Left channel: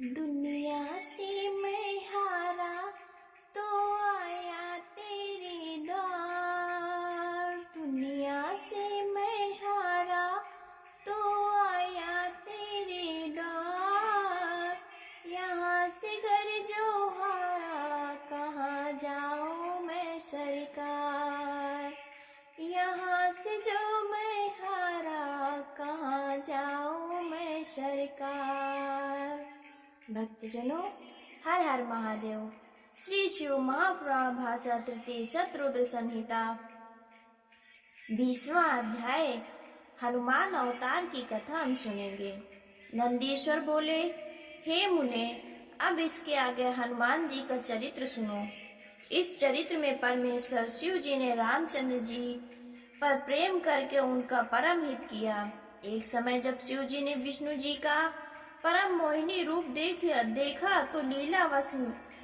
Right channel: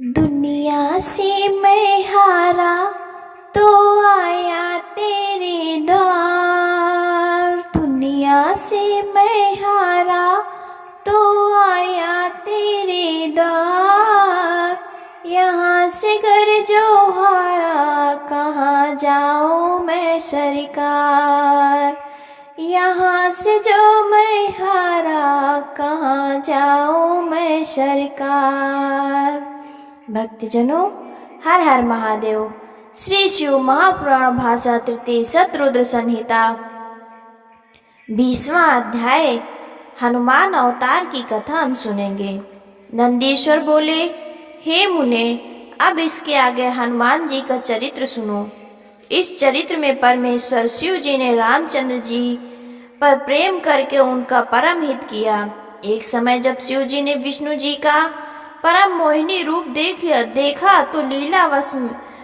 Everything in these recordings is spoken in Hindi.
दुनिया से मैं हारा तो आया तेरे द्वार। दुनिया से मैं हारा तो आया तेरे द्वार। यहाँ से घर जो हारा कहाँ जाऊँ मैं सरकार। यहाँ से जो मैं हारा कहाँ जाऊँ मैं सरकार। भक्तजनों, हर हर महादेव। श्री शिव महापुराण भाषा तृतीय शतरुद्र संहिता 20वां अध्याय हनुमान अवतार की कथा हम सुनेंगे। नंदीश्वर बोले, हे मुने, अब इसके आगे हनुमान जी का चरित्र सुनो। इस चरित्र में परमेश्वर शिव जी ने रामचंद्र जी पर प्रेम करके उनका परम हित किया। एक समय जब शिव जी ने विष्णु जी का परम मोहिनी रूप देखा तो लीलावश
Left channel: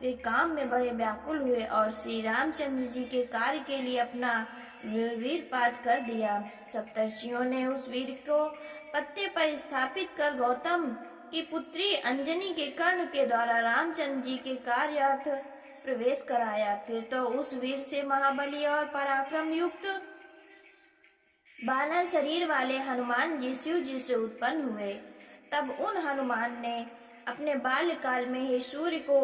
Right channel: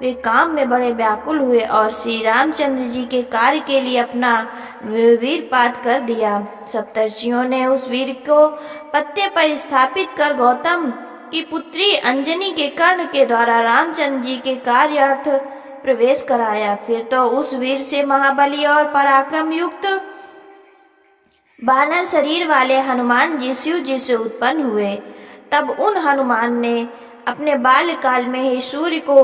वे काम में बड़े व्याकुल हुए और श्री रामचंद्र जी के कार्य के लिए अपना वीरपात कर दिया। सप्तर्षियों ने उस वीर को पत्ते पर स्थापित कर गौतम की पुत्री अंजनी के कर्ण के द्वारा रामचंद्र जी के कार्यार्थ प्रवेश कराया। फिर तो उस वीर से महाबली और पराक्रम युक्त बानर शरीर वाले हनुमान जी शिव जी से उत्पन्न हुए। तब उन हनुमान ने अपने बाल्यकाल में ही सूर्य को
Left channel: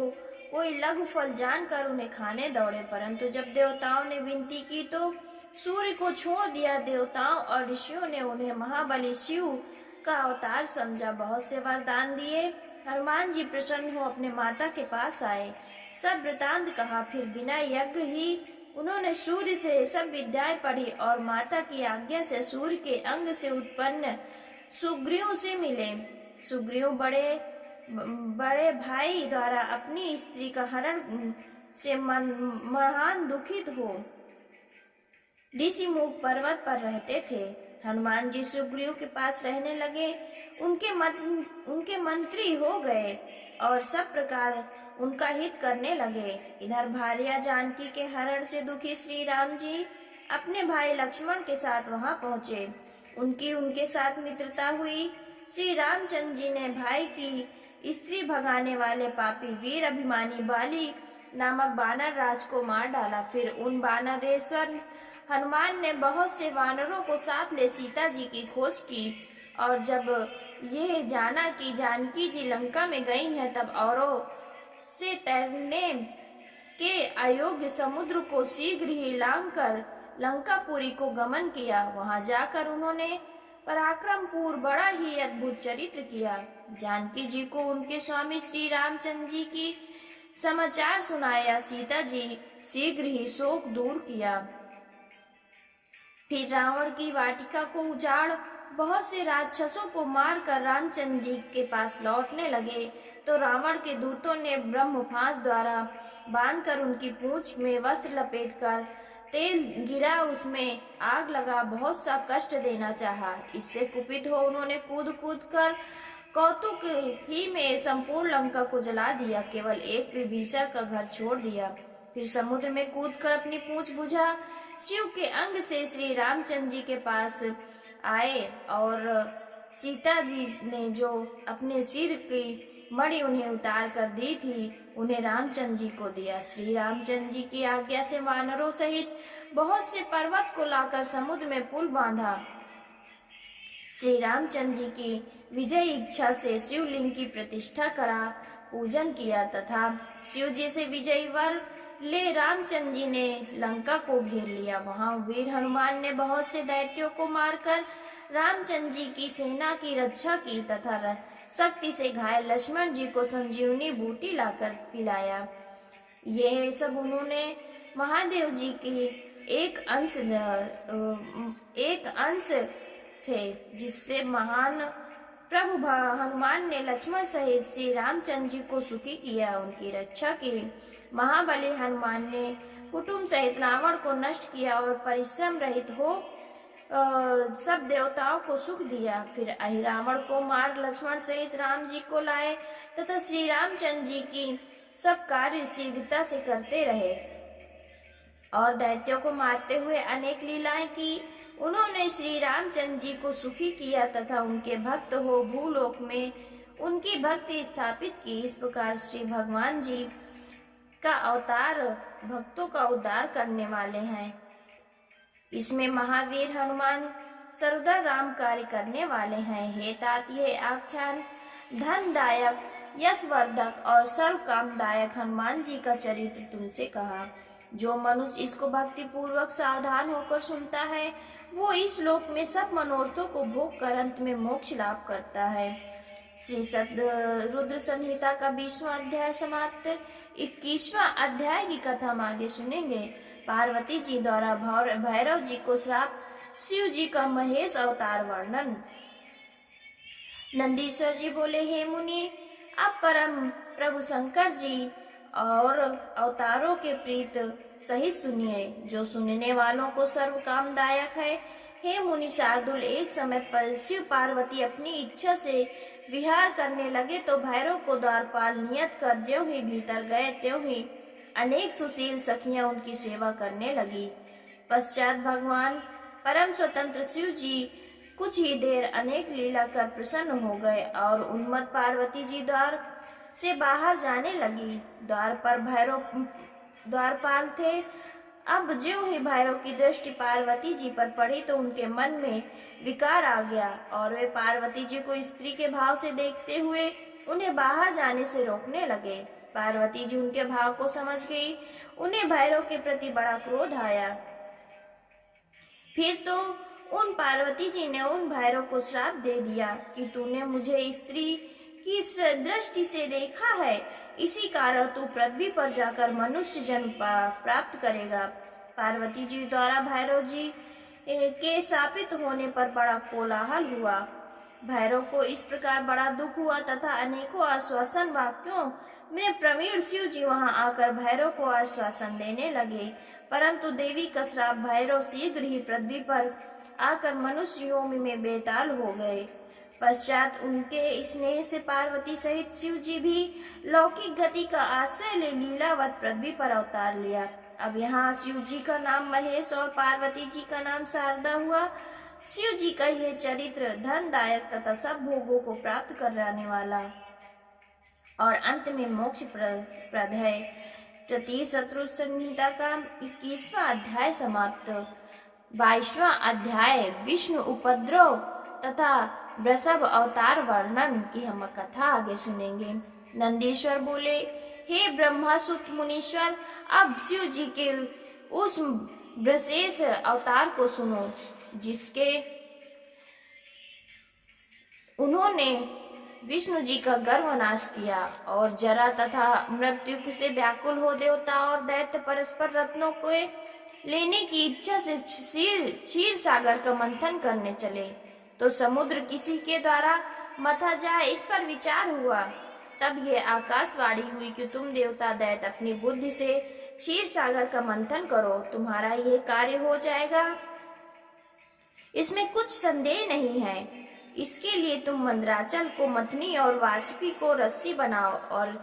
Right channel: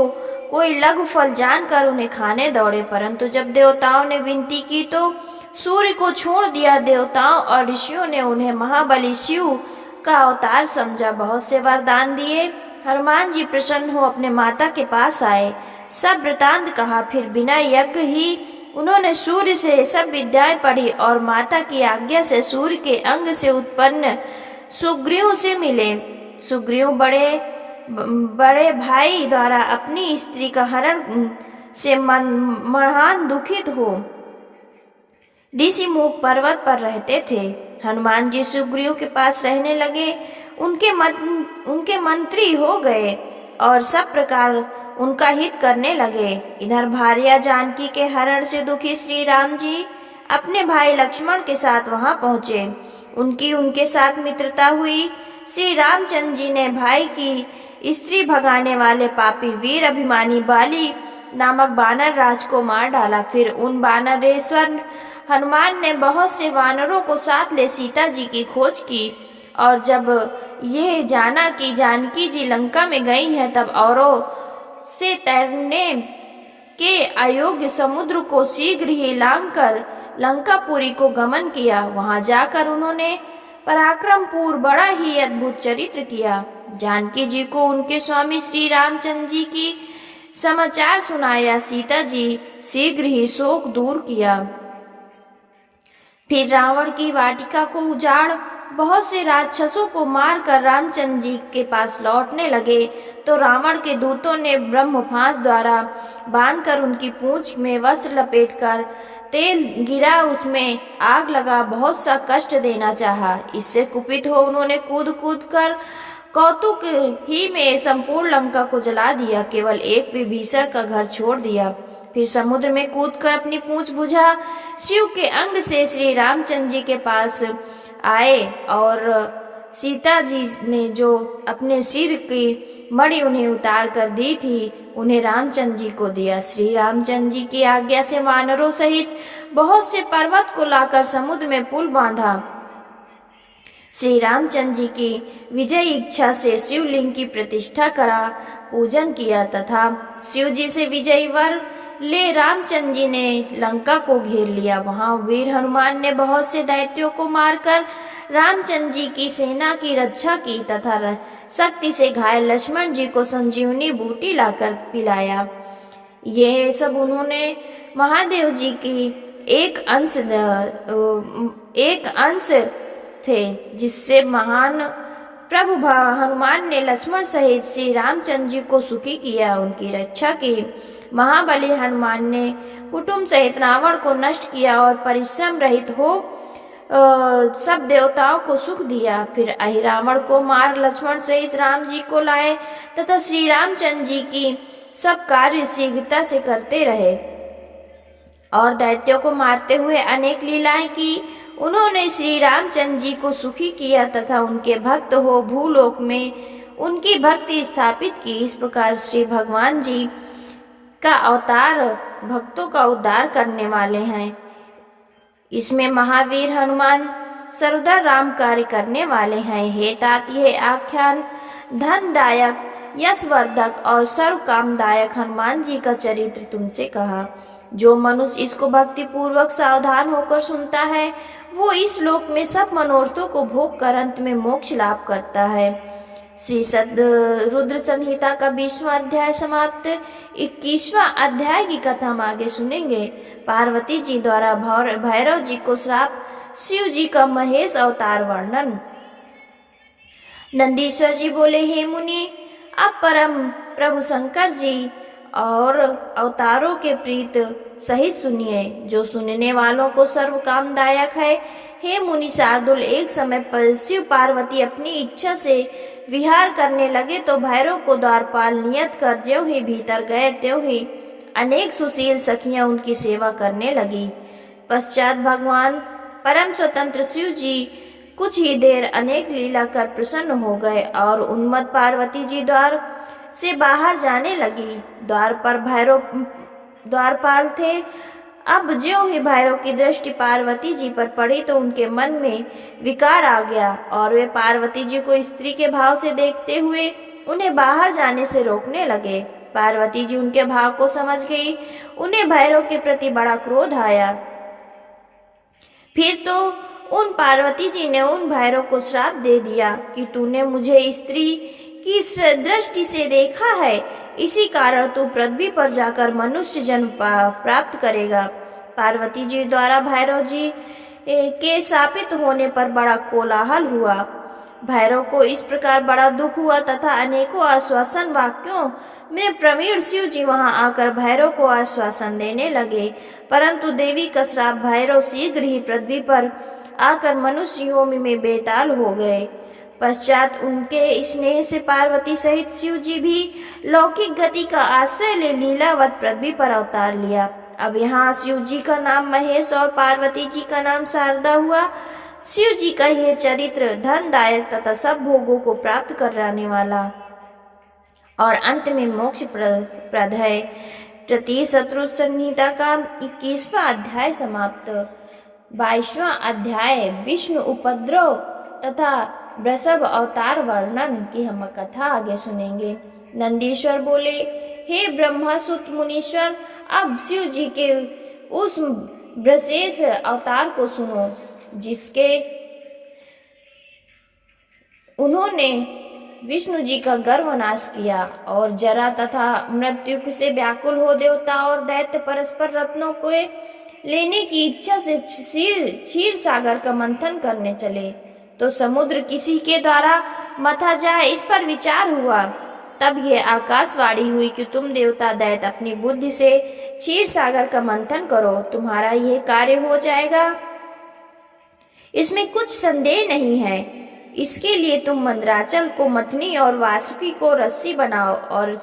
कोई लघु फल जानकर उन्हें खाने दौड़े, परंतु जब देवताओं ने विनती की तो सूर्य को छोड़ दिया। देवताओं और ऋषियों ने उन्हें महाबली शिव का अवतार समझा, बहुत से वरदान दिए। हनुमान जी प्रसन्न हो अपने माता के पास आए, सब वृतांत कहा। फिर बिना यज्ञ ही उन्होंने सूर्य से सब विद्याएं पढ़ी और माता की आज्ञा से सूर्य के अंग से उत्पन्न सुग्रीव से मिले। सुग्रीव बड़े भाई द्वारा अपनी स्त्री का हरण से महान दुखित हो ऋषिमुख पर्वत पर रहते थे। हनुमान जी सुग्रीव के पास रहने लगे, उनके मंत्री हो गए और सब प्रकार उनका हित करने लगे। इधर भार्या जानकी के हरण से दुखी श्री राम जी अपने भाई लक्ष्मण के साथ वहां पहुंचे। उनके साथ मित्रता हुई। श्री रामचंद्र जी ने भाई की स्त्री भगाने वाले पापी वीर अभिमानी बाली नामक बानर राज को मार डाला। फिर उन बानरेश्वर हनुमान ने बहुत से वानरों को साथ ले सीता जी की खोज की और जब ये जाना कि जानकी जी लंका में गई हैं, तब औरों से तैरने के अयोग्य समुद्र को शीघ्र ही लांघकर लंकापुरी को गमन किया। वहां जाकर उन्होंने पराक्रम पूर्व बड़ा ही अद्भुत चरित्र किया। जानकी जी को उनके स्वामी श्री रामचंद्र जी की समाचार सुनाया। सीता जी शीघ्र ही शोक दूर किया। फिर रावण की वाटिका को उजाड़ बहुत से राक्षसों को मारकर रामचंद्र जी के पास लौटने लगे तो रावण के दूतों ने ब्रह्मफांस द्वारा बांधकर उनकी पूंछ में वस्त्र लपेटकर तेल गिरा, उसमें आग लगा बहुत सा कष्ट देना चाहा। इससे कुपित हो उन्होंने कूद कूद कर कौतुक ही में संपूर्ण लंका को जला दिया, केवल एक विभीषण का घर छोड़ दिया। फिर समुद्र में कूदकर अपनी पूंछ बुझा शिव के अंग से श्री रामचंद्र जी के पास आए और सीता जी ने जो अपने सिर की मणि उन्हें उतार कर दी थी, उन्हें रामचंद्र जी को दिया। श्री रामचंद्र जी की आज्ञा से वानरों सहित बहुत से पर्वत को लाकर समुद्र में पुल बांधा। श्री रामचंद्र जी की विजय इच्छा से शिवलिंग की प्रतिष्ठा करा पूजन किया तथा शिव जी से विजयी वर ले रामचंद्र जी ने लंका को घेर लिया। वहां वीर हनुमान ने बहुत से दैत्यों को मारकर रामचंद्र जी की सेना की रक्षा की तथा शक्ति से घायल लक्ष्मण जी को संजीवनी बूटी लाकर पिलाया। ये सब उन्होंने महादेव जी की एक अंश थे, जिससे महान प्रभु हनुमान ने लक्ष्मण सहित श्री रामचंद्र जी को सुखी किया, उनकी रक्षा की। महाबली हनुमान ने कुटुंब सहित रावण को नष्ट किया और परिश्रम रहित हो सब देवताओं को सुख दिया। फिर अहिरावण को मार लक्ष्मण सहित राम जी को लाए तथा श्री रामचंद्र जी की सब कार्य शीघ्रता से करते रहे और दैत्यों को मारते हुए अनेक लीलाएं की। उन्होंने श्री रामचंद्र जी को सुखी किया तथा उनके भक्त हो भूलोक में उनकी भक्ति स्थापित की। इस प्रकार श्री भगवान जी का अवतार भक्तों का उद्धार करने वाले हैं। इसमें महावीर हनुमान सर्वदा राम कार्य करने वाले हैं। हे तात, यह आख्यान धनदायक, यशवर्धक और सर्व कामदायक हनुमान जी का चरित्र तुमसे कहा। जो मनुष्य इसको भक्ति पूर्वक सावधान होकर सुनता है, वो इस लोक में सब मनोरथों को भोग कर अंत में मोक्ष लाभ करता है। श्री सद रुद्र संहिता का 20वां अध्याय समाप्त। 21वां अध्याय की कथा हम आगे सुनेंगे। पार्वती जी द्वारा भैरव जी को श्राप, शिव जी का महेश अवतार वर्णन। नंदीश्वर जी बोले, हे मुनि, अब परम प्रभु शंकर जी और अवतारों के प्रीत सहित सुनिए, जो सुनने वालों को सर्व कामदायक है। हे मुनि शार्दुल, एक समय पर शिव पार्वती अपनी इच्छा से विहार करने लगे तो भैरव को द्वारपाल नियत कर ज्यों ही भीतर गए त्यों ही अनेक सुशील सखियां उनकी सेवा करने लगी। पश्चात भगवान परम स्वतंत्र शिव जी कुछ ही देर अनेक लीला कर प्रसन्न हो गए और उन्मत्त पार्वती जी द्वार से बाहर जाने लगी। द्वार पर भैरव द्वारपाल थे। अब ज्यों ही भैरव की दृष्टि पार्वती जी पर पड़ी तो उनके मन में विकार आ गया और वे पार्वती जी को स्त्री के भाव से देखते हुए उन्हें बाहर जाने से रोकने लगे। पार्वती जी उनके भाव को समझ गई। उन्हें भैरव के प्रति बड़ा क्रोध आया। फिर तो उन पार्वती जी ने उन भैरव को श्राप दे दिया कि तूने मुझे स्त्री की दृष्टि से देखा है, इसी कारण तू पृथ्वी पर जाकर मनुष्य जन्म प्राप्त करेगा। पार्वती जी द्वारा भैरव जी के शापित होने पर बड़ा कोलाहल हुआ। भैरव को इस प्रकार बड़ा दुख हुआ तथा अनेकों आश्वासन वाक्यों में प्रवीण शिव जी वहां आकर भैरव को आश्वासन देने लगे, परंतु देवी का श्राप भैरव शीघ्र ही पृथ्वी पर आकर मनुष्य योनि में बेताल हो गए। पश्चात उनके स्नेह से पार्वती सहित शिव जी भी लौकिक गति का आश्रय ले लीलावत पृथ्वी पर अवतार लिया। अब यहाँ शिव जी का नाम महेश और पार्वती जी का नाम शारदा हुआ। शिव जी का यह चरित्र धनदायक तथा सब भोगों को प्राप्त कराने वाला और अंत में मोक्ष प्रद है। तृतीय शत्रु संहिता का 21वां अध्याय समाप्त। 22वां अध्याय विष्णु उपद्रव तथा वृषभ अवतार वर्णन की हम कथा आगे सुनेंगे। नंदीश्वर बोले, हे ब्रह्मासुत मुनीश्वर, अब शिव जी के उस विशेष अवतार को सुनो जिसके उन्होंने विष्णु जी का गर्भनाश किया और जरा तथा मृत्यु से व्याकुल हो देवता और दैत्य परस्पर रत्नों को लेने की इच्छा से क्षीर सागर का मंथन करने चले तो समुद्र किसी के द्वारा मथा जाए, इस पर विचार हुआ। तब यह आकाशवाणी हुई कि तुम देवता दैत्य अपनी बुद्धि से क्षीर सागर का मंथन करो, तुम्हारा यह कार्य हो जाएगा, इसमें कुछ संदेह नहीं है। इसके लिए तुम मंदराचल को मथनी और वासुकी को रस्सी बनाओ और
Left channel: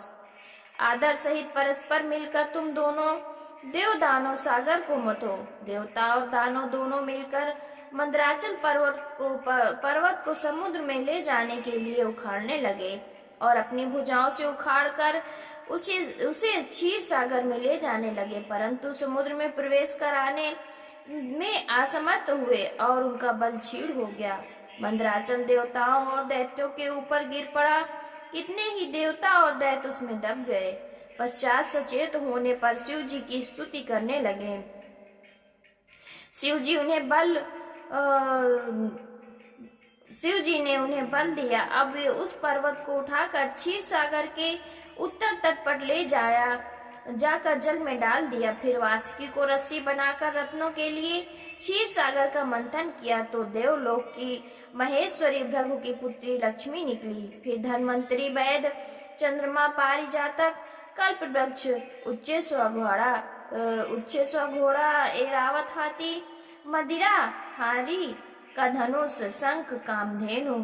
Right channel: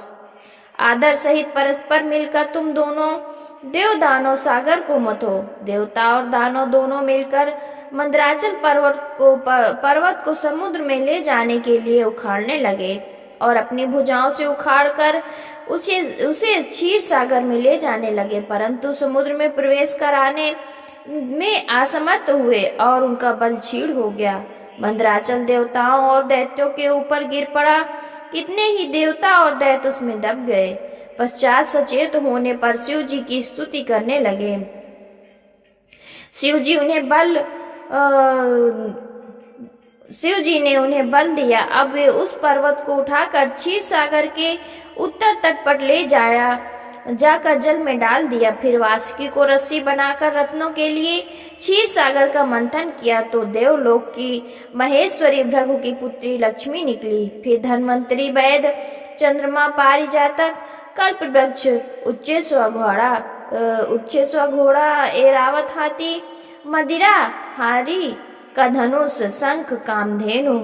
आदर सहित परस्पर मिलकर तुम दोनों देव दानव सागर को मथो। देवता और दानव दोनों मिलकर मंदराचल पर्वत को समुद्र में ले जाने के लिए उखाड़ने लगे और अपनी भुजाओं से उखाड़कर उसे क्षीर सागर में ले जाने लगे, परंतु समुद्र में प्रवेश कराने में असमर्थ हुए और उनका बल क्षीण हो गया। मंदराचल देवताओं और दैत्यों के ऊपर गिर पड़ा। कितने ही देवता और दैत्य उसमें दब गए। पश्चात सचेत होने पर शिव जी की स्तुति करने लगे। शिव जी ने उन्हें बल दिया। अब वे उस पर्वत को उठाकर क्षीर सागर के उत्तर तट पर ले जाकर जल में डाल दिया। फिर वासुकी को रस्सी बनाकर रत्नों के लिए क्षीर सागर का मंथन किया तो देवलोक की महेश्वरी भृगु की पुत्री लक्ष्मी निकली। फिर धन्वंतरी वैद्य, चंद्रमा, पारिजातक, कल्प वृक्ष, उच्चेश्वर घोड़ा, एरावत हाथी, मदिरा हारी का धनुष, शंख, कामधेनु,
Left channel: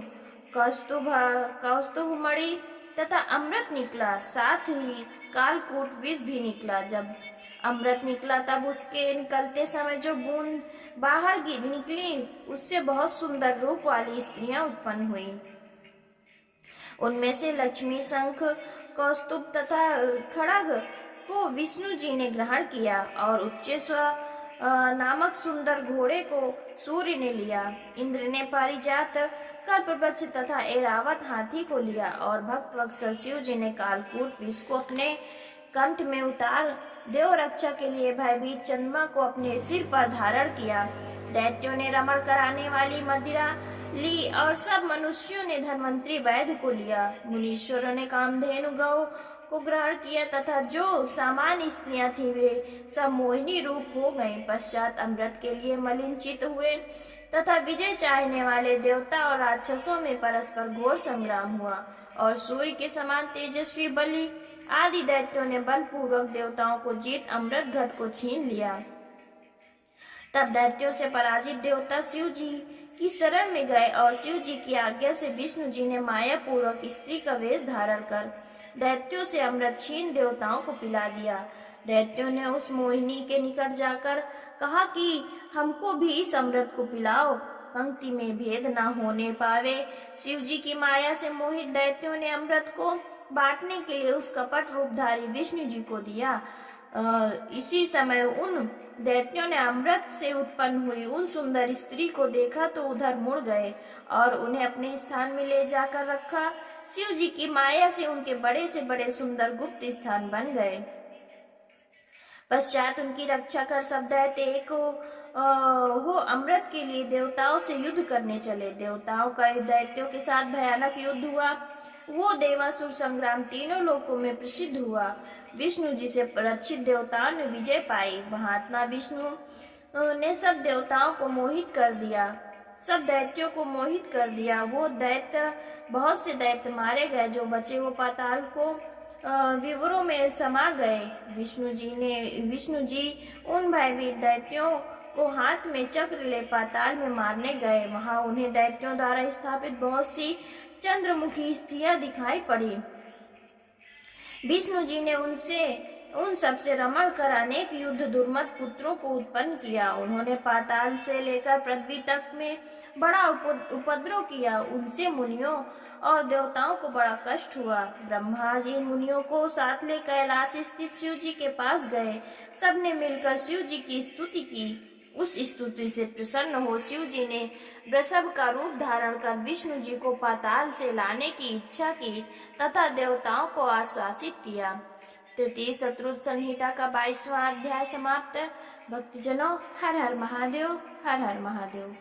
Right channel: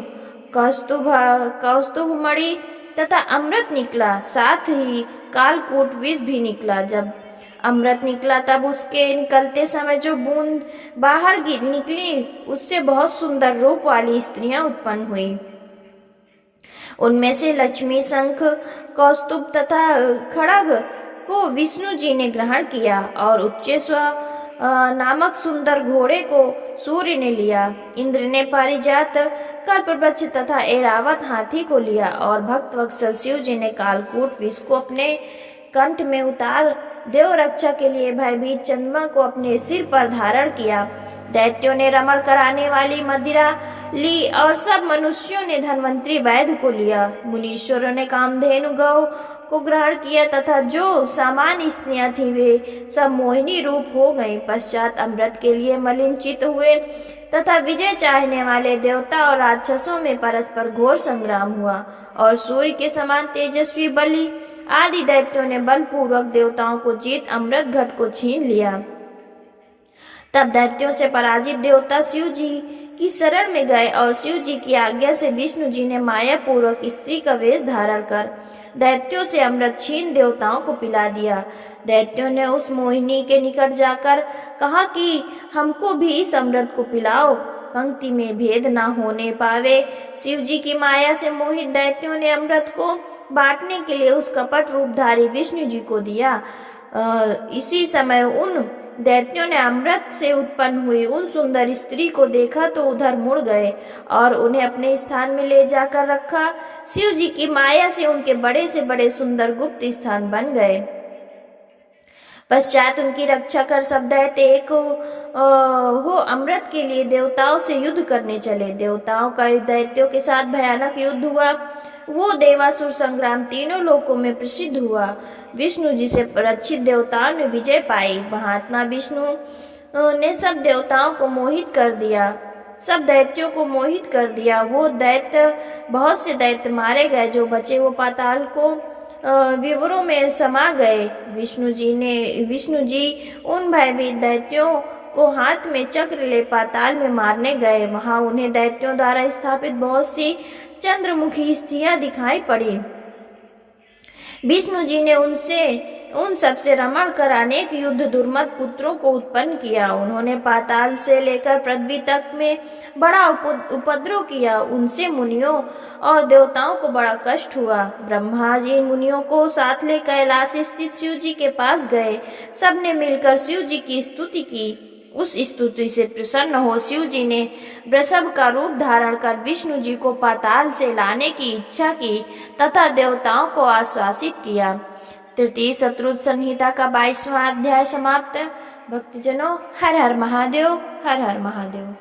कौस्तुभ मणि तथा अमृत निकला। साथ ही कालकूट विष भी निकला। जब अमृत निकला तब उसके निकलते समय जो बूंद बाहर निकली उससे बहुत सुंदर रूप वाली स्त्रियां उत्पन्न हुई। उनमें से लक्ष्मी, शंख, कौस्तुभ तथा खड़ग को विष्णु जी ने ग्रहण किया और उच्चेश्वर नामक सुंदर घोड़े को सूर्य ने लिया। इंद्र ने पारिजात, कल्पवृक्ष तथा ऐरावत हाथी को लिया और भक्त वत्सल शिव जी ने कालकूट विष को अपने कंठ में उतार देव रक्षा के लिए भयभीत चंद्रमा को अपने सिर पर धारण किया। दैत्यों ने रमण कराने वाली मदिरा ली और सब मनुष्यों ने धन्वंतरी वैद्य को लिया। मुनीश्वरों ने कामधेनु गौ को ग्रहण किया तथा जो सामान्य स्त्रियां थी वे सब मोहिनी रूप हो गईं। पश्चात अमृत के लिए मलिन चित्त हुए तथा विजय चाहने वाले देवता और राक्षसों में परस्पर घोर संग्राम हुआ और सूर्य के समान तेजस्वी बलि आदि दैत्यों ने बलपूर्वक देवताओं को जीत अमृत घट को छीन लिया। तब दैत्यों से पराजित देवता शिव जी की शरण में गए और शिव जी की आज्ञा से विष्णु जी ने माया पूर्वक स्त्री का वेश धारण कर दैत्यों से अमृत छीन देवताओं को पिला दिया। दैत्यों ने उस मोहिनी के निकट जाकर कहा कि हमको भी इस अमृत को पिलाओ, पंक्ति में भेद न होने पावे। शिव जी की माया से मोहित दैत्यों ने अमृत को बांटने के लिए उस कपट रूपधारी विष्णु जी को दिया। इसी समय उन दैत्यों ने अमृत से उत्पन्न हुई उन सुंदर स्त्री को देखा तो उधर मुड़ गए और उन्हें अपने स्थान में ले जाकर रखा। शिव जी की माया से उनके बड़े से बड़े सुंदर गुप्त स्थान बन गए। पश्चात उनकी रक्षा कर सब दैत्य एक हो अमृत के लिए देवताओं से युद्ध करने चले। देवताओं का दैत्यों के साथ भयानक युद्ध हुआ। वो देवासुर संग्राम तीनों लोकों में प्रसिद्ध हुआ। विष्णु जी से रक्षित देवताओं ने विजय पाई। महात्मा विष्णु ने सब देवताओं को मोहित कर दिया, सब दैत्यों को मोहित कर दिया। वो दैत्य बहुत से दैत्य मारे गए, जो बचे वो पाताल को विवरों में समा गए। विष्णु जी उन भयभीत दैत्यों को हाथ में चक्र ले पाताल में मारने गए। वहां उन्हें दैत्यों द्वारा स्थापित बहुत सी चंद्रमुखी स्त्रियां दिखाई पड़ी। विष्णु जी ने उन सबसे रमण कर अनेक युद्ध दुर्मत पुत्रों को उत्पन्न किया। उन्होंने पाताल से लेकर पृथ्वी तक में बड़ा उपद्रव किया। उनसे मुनियों और देवताओं को बड़ा कष्ट हुआ। ब्रह्मा जी मुनियों को साथ ले कैलाश स्थित शिव जी के पास गए। सबने मिलकर शिव जी की स्तुति की। उस स्तुति से प्रसन्न हो शिव जी ने वृषभ का रूप धारण कर विष्णु जी को पाताल से लाने की इच्छा की तथा देवताओं को आश्वासित किया। तृतीय शत्रुघ्न संहिता का 22वां अध्याय समाप्त। भक्तजनों, हर हर महादेव, हर हर महादेव।